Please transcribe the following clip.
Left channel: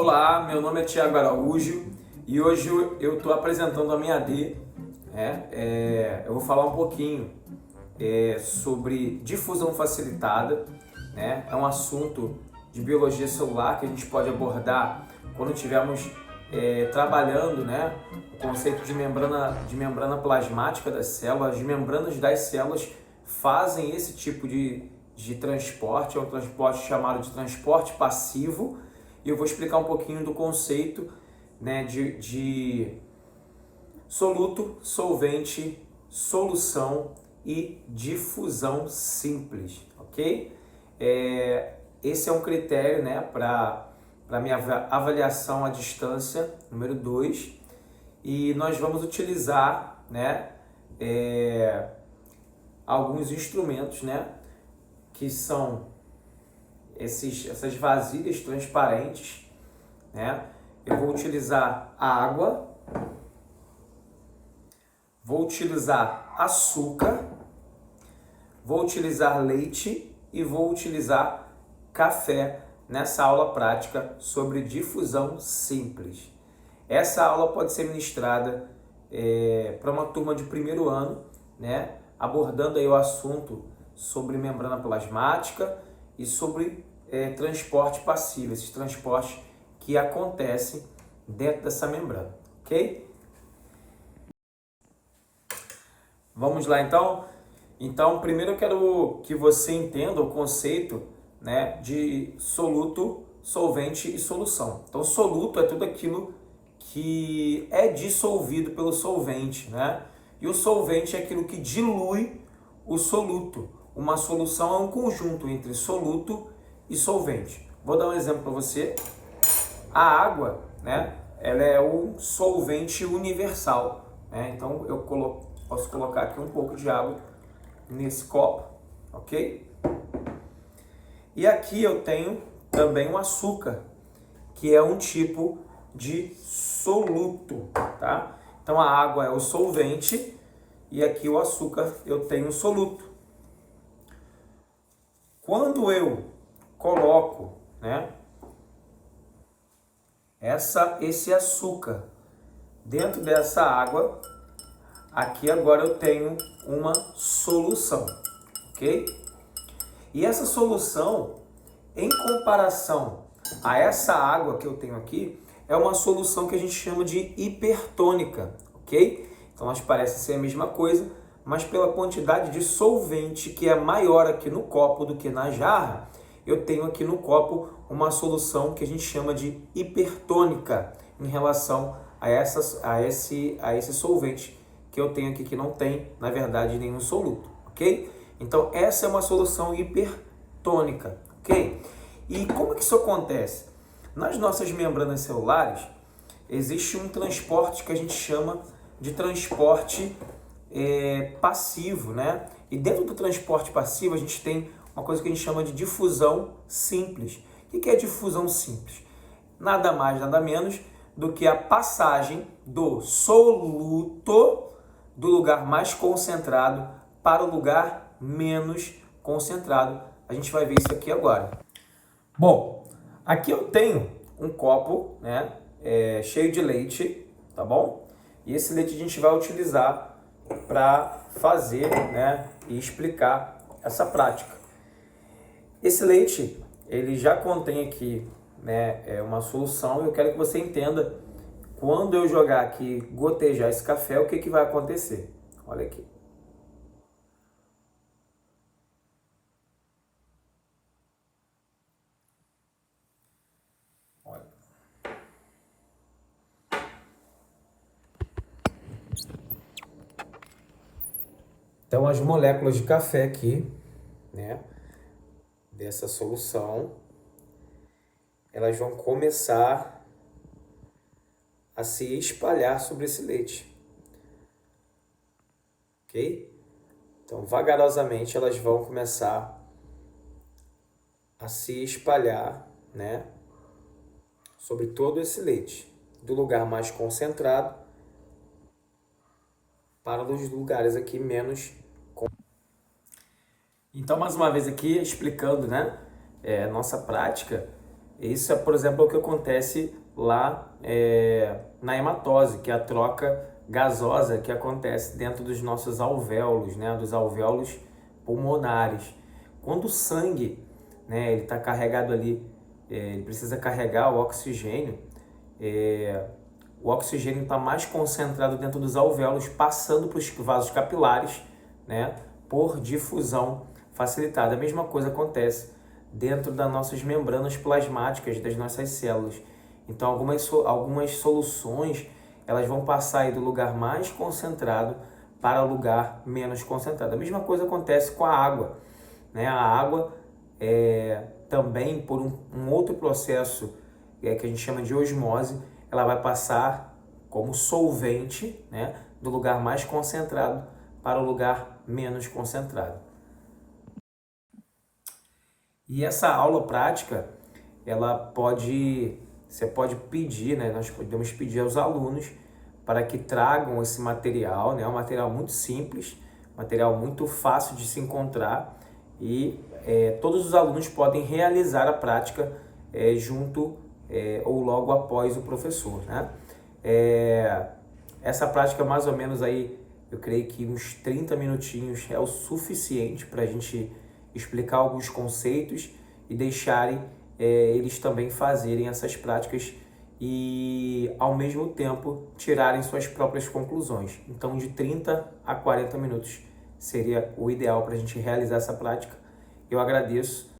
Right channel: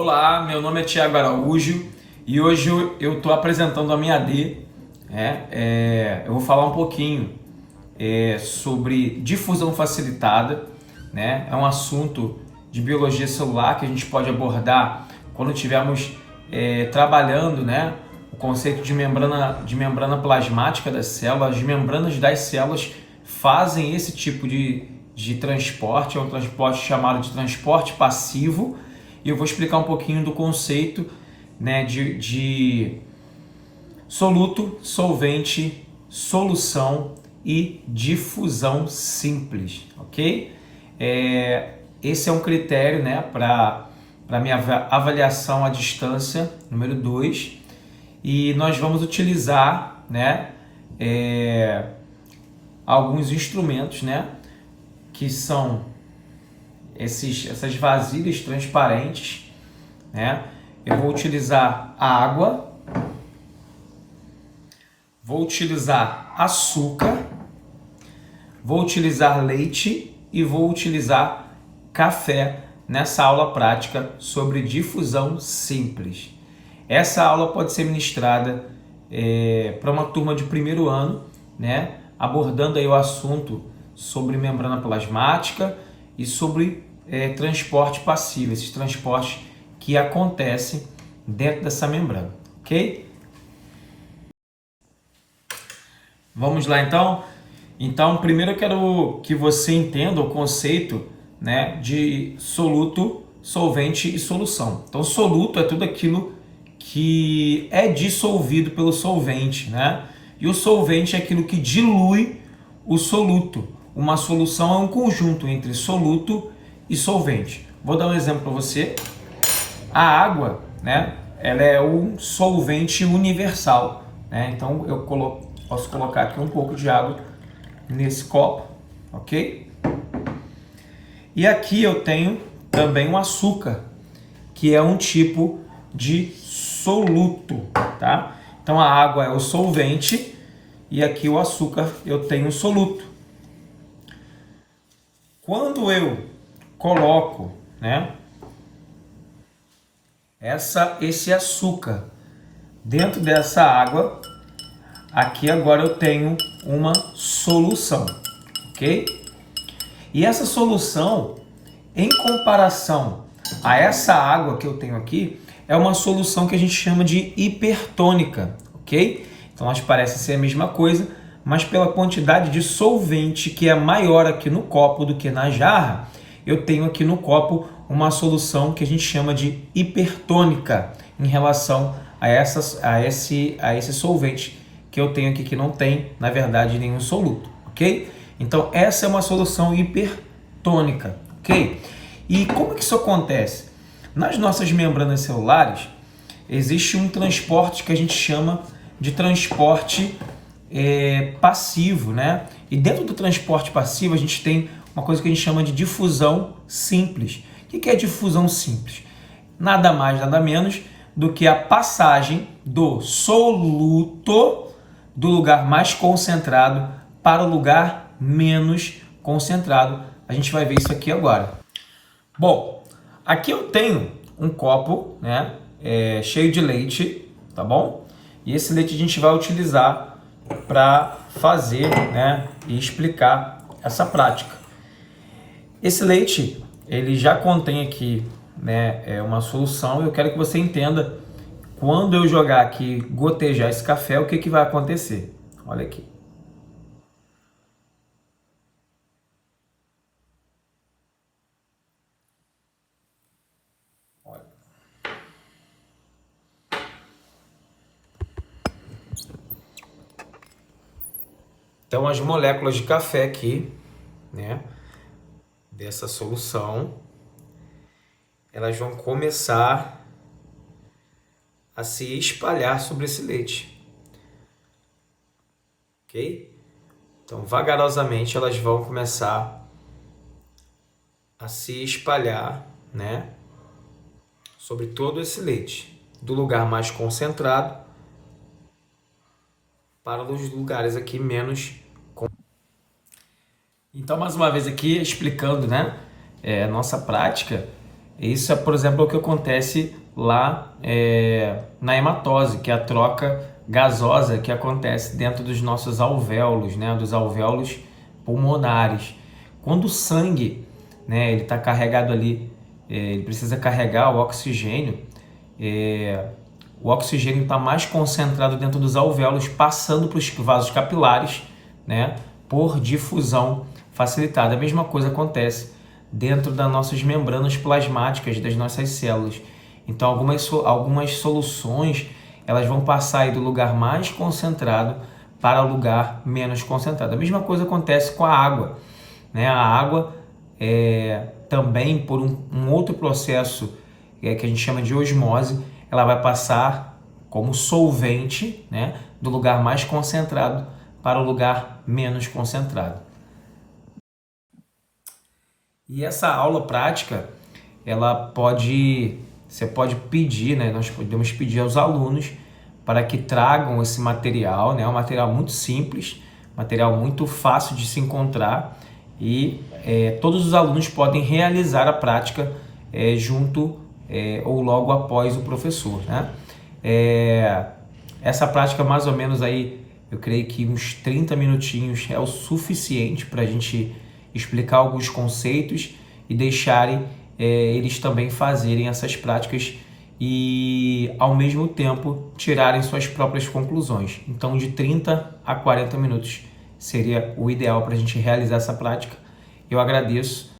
Olá, meu nome é Thiago Araújo e hoje eu estou apresentando a minha AD. Eu vou falar um pouquinho sobre difusão facilitada, né? É um assunto de biologia celular que a gente pode abordar quando estivermos trabalhando, né? O conceito de membrana plasmática das células. As membranas das células fazem esse tipo de transporte, é um transporte chamado de transporte passivo. E eu vou explicar um pouquinho do conceito, né, de soluto, solvente, solução e difusão simples, ok? Esse é um critério, né, para minha avaliação à distância, número 2, e nós vamos utilizar, né, alguns instrumentos, né, que são essas vasilhas transparentes, né? Eu vou utilizar água, vou utilizar açúcar, vou utilizar leite e vou utilizar café nessa aula prática sobre difusão simples. Essa aula pode ser ministrada para uma turma de primeiro ano, né? Abordando aí o assunto sobre membrana plasmática e sobre transporte passivo, esses transportes que acontecem dentro dessa membrana, ok? Vamos lá então? Então, primeiro eu quero que você entenda o conceito, né, de soluto, solvente e solução. Então, soluto é tudo aquilo que é dissolvido pelo solvente, né? E o solvente é aquilo que dilui o soluto. Uma solução é um conjunto entre soluto e solvente. Vou dar um exemplo para você. A água, né, ela é um solvente universal, né? Então eu posso colocar aqui um pouco de água nesse copo, ok? E aqui eu tenho também um açúcar, que é um tipo de soluto, tá? Então a água é o solvente e aqui o açúcar eu tenho o soluto. Quando eu coloco, né, esse açúcar dentro dessa água, aqui agora eu tenho uma solução, ok? E essa solução, em comparação a essa água que eu tenho aqui, é uma solução que a gente chama de hipertônica, ok? Então elas parecem ser a mesma coisa, mas pela quantidade de solvente que é maior aqui no copo do que na jarra, eu tenho aqui no copo uma solução que a gente chama de hipertônica em relação a esse solvente que eu tenho aqui, que não tem, na verdade, nenhum soluto, ok? Então essa é uma solução hipertônica, ok? E como que isso acontece? Nas nossas membranas celulares existe um transporte que a gente chama de transporte passivo, né? E dentro do transporte passivo a gente tem uma coisa que a gente chama de difusão simples. O que é difusão simples? Nada mais, nada menos do que a passagem do soluto do lugar mais concentrado para o lugar menos concentrado. A gente vai ver isso aqui agora. Bom, aqui eu tenho um copo, né, cheio de leite, tá bom? E esse leite a gente vai utilizar para fazer, né, e explicar essa prática. Esse leite, ele já contém aqui, né, uma solução. Eu quero que você entenda, quando eu jogar aqui, gotejar esse café, o que que vai acontecer? Olha aqui. Então as moléculas de café aqui, né, dessa solução, elas vão começar a se espalhar sobre esse leite, ok? Então vagarosamente elas vão começar a se espalhar, né, sobre todo esse leite, do lugar mais concentrado para os lugares aqui menos. Então, mais uma vez aqui explicando, né, nossa prática, Isso é, por exemplo, o que acontece lá na hematose, que é a troca gasosa que acontece dentro dos nossos alvéolos, né, dos alvéolos pulmonares. Quando o sangue, né, ele está carregado ali, ele precisa carregar o oxigênio, o oxigênio está mais concentrado dentro dos alvéolos, passando para os vasos capilares, né, por difusão facilitada. A mesma coisa acontece dentro das nossas membranas plasmáticas das nossas células. Então, algumas soluções elas vão passar aí do lugar mais concentrado para o lugar menos concentrado. A mesma coisa acontece com a água, né? A água também por um outro processo que a gente chama de osmose, ela vai passar como solvente, né, do lugar mais concentrado para o lugar menos concentrado. E essa aula prática, você pode pedir, né, nós podemos pedir aos alunos para que tragam esse material, né, um material muito simples, material muito fácil de se encontrar e todos os alunos podem realizar a prática junto ou logo após o professor, né? Essa prática mais ou menos aí, eu creio que uns 30 minutinhos é o suficiente para a gente explicar alguns conceitos e deixarem eles também fazerem essas práticas e ao mesmo tempo tirarem suas próprias conclusões. Então de 30 a 40 minutos seria o ideal para a gente realizar essa prática. Eu agradeço.